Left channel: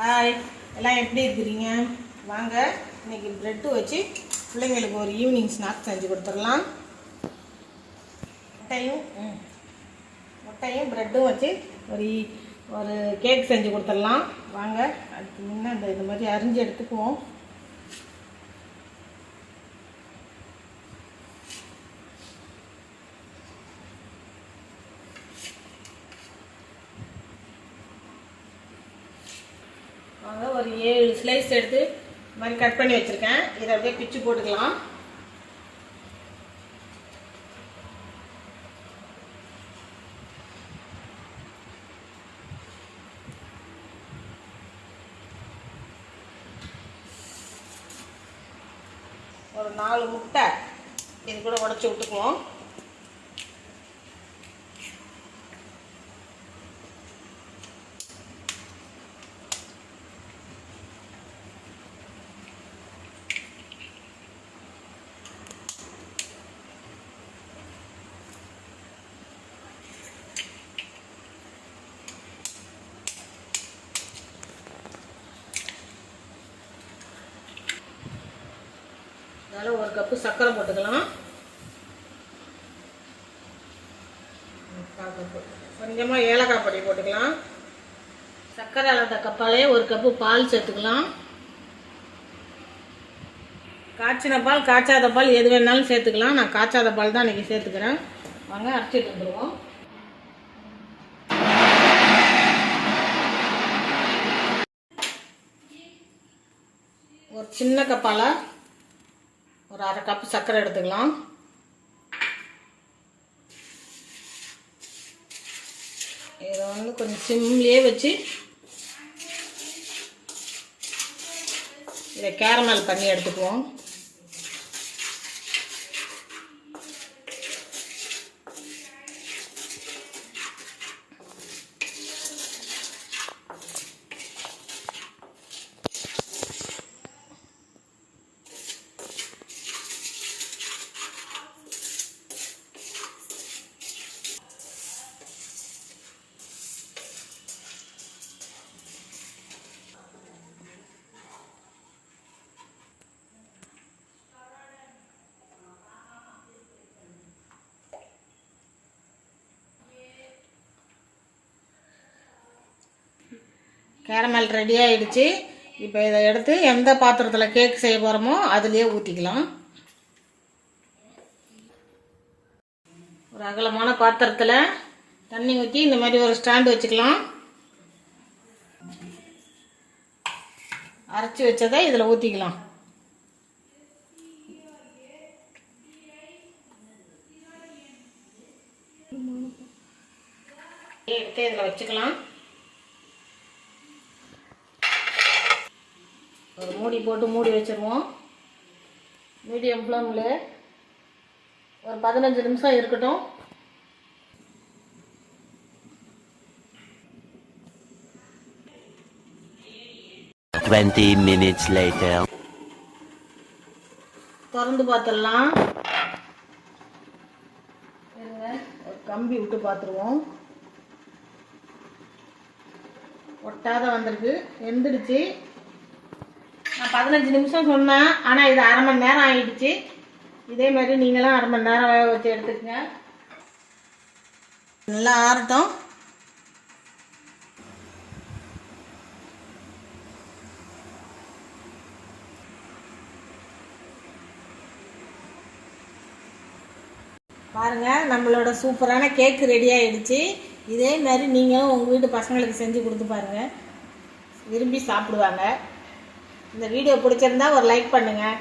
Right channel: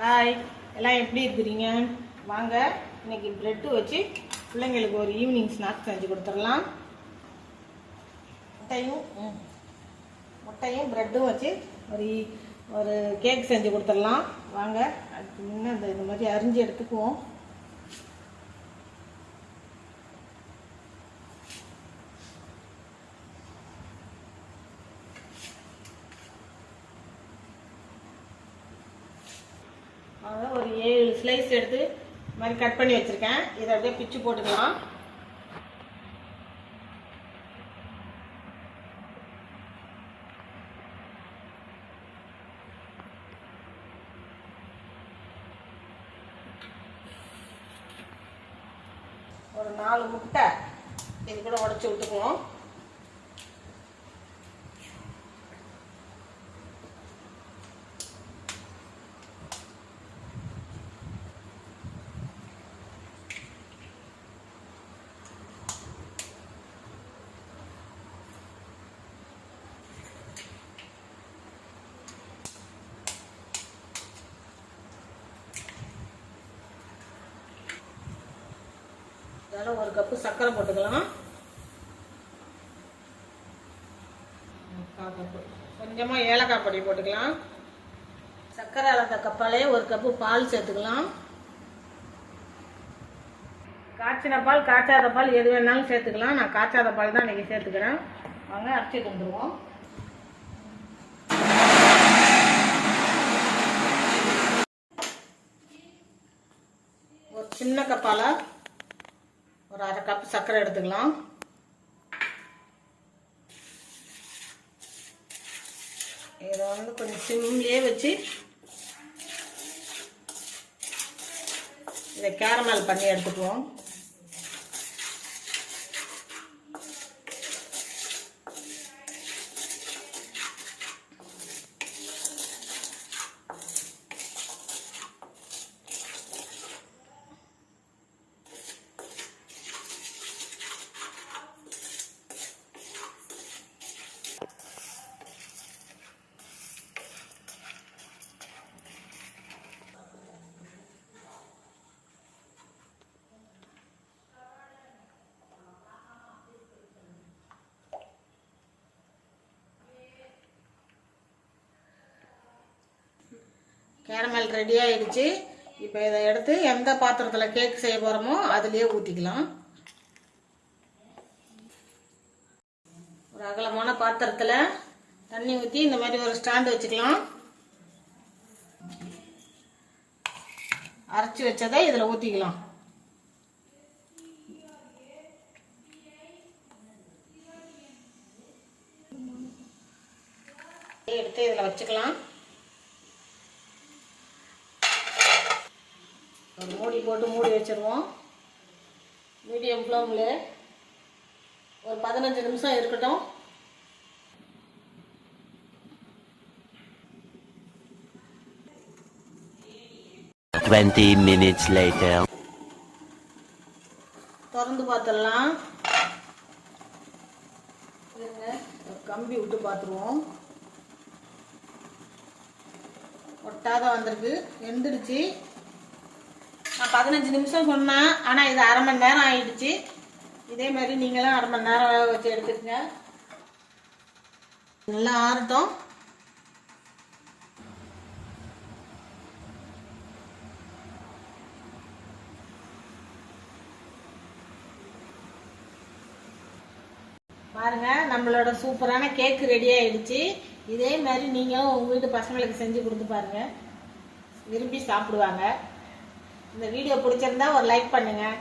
Hi, எல்லாம் எப்படி இருக்கிறீங்க? வாங்க இன்னைக்கு ப்ரெட்டு வச்சு பிள்ளைங்களுக்கு ஒரு ஈவினிங் ஸ்நாக்ஸ் செஞ்சு கொடுத்துடலாம். முட்டையும் ப்ரெட்டும் வச்சு ஒரு கேக் செஞ்சு கொடுத்துடலாம். வாங்க, அதுக்கு முன்னே இந்த மாதிரி அரிஞ்சு எடுத்துக்குவோம். வாங்க, ஒரு 7 ஸ்லைஸ் எடுத்து இந்த மாதிரி கட் பண்ணி வச்சுருக்கேன். இதை அப்படியே பிச்சு போட்டுக்கலாம். ஒரு 4 முட்டை இது கூட உடச்சி விட்டுக்குவோம். இதில் 1 கப்பு சர்க்கரை போட்டுக்கலாம். கொஞ்சமாக ஏலக்காய் பொடி போட்டுக்கலாம். சர்க்கரை அளந்த கப்பாலே 1 கப்பு பால் சேர்த்துக்கலாம். காய்ச்சின பால் காய்ச்சாத பால் எது வேணாலும் சேர்த்துக்கலாம். நான் காய்ச்சாத பால் தான் இன்றைக்கி சேர்த்துக்கிறேன். வாங்க அரைச்சிட்டு வந்துடுவோம். ஒரு சின்ன கப்பால் ஒரு 1/2 கப்பு சர்க்கரை எடுத்துக்கலாம். இதை கொஞ்சம் சிம்லேயே வச்சு இதை கேரமல் பண்ணி எடுத்துக்குவோம். கேரமல் ரெடி ஆகிடுச்சு. இப்போ இதை எடுத்து எந்த பாத்திரத்தில் கேக் செய்ய போகிறோமோ அதுலேயே ஊற்றிக்கலாம். ஒரு அகலமான பாத்திரத்தில் தண்ணி ஊற்றி இந்த மாதிரி ஒரு ஸ்டாண்டு வச்சுக்கலாம். அரைச்சி வச்சதை இதில் ஊற்றிக்கலாம். எடுத்து இதில் வச்சுக்கலாம். ஒரு மூடி போட்டு மூடி வச்சுருவோம். மீடியம் ஃப்ளேமில் ஒரு 15 நிமிஷம் இருக்கட்டும். minutes later. திறந்து பார்த்துடலாம். ஒரு கம்பி விட்டு பார்த்துருவோம். ஒட்டாத வந்திருக்கு, வெந்துடுச்சு. நான் 15 நிமிஷம் சொன்னேன், ஆனால் இது 1/2 மணி நேரம் ஆகிடுச்சு. இதே மாதிரி நீங்களும் 1/2 மணி நேரம் வேக வச்சு எடுத்துக்கங்க. நல்லா ஆறட்டும். பாருங்கள், நம்மளோட சூப்பரான கேக்கு ரெடி ஆகிடுச்சு. இதே மாதிரி நீங்களும் உங்கள் வீட்டு பசங்களுக்கு செஞ்சு கொடுத்து பாருங்கள், விரும்பி சாப்பிடுவாங்க. இந்த வீடியோ பிடிச்சிருந்தா ஒரு லைக் பண்ணுங்கள்.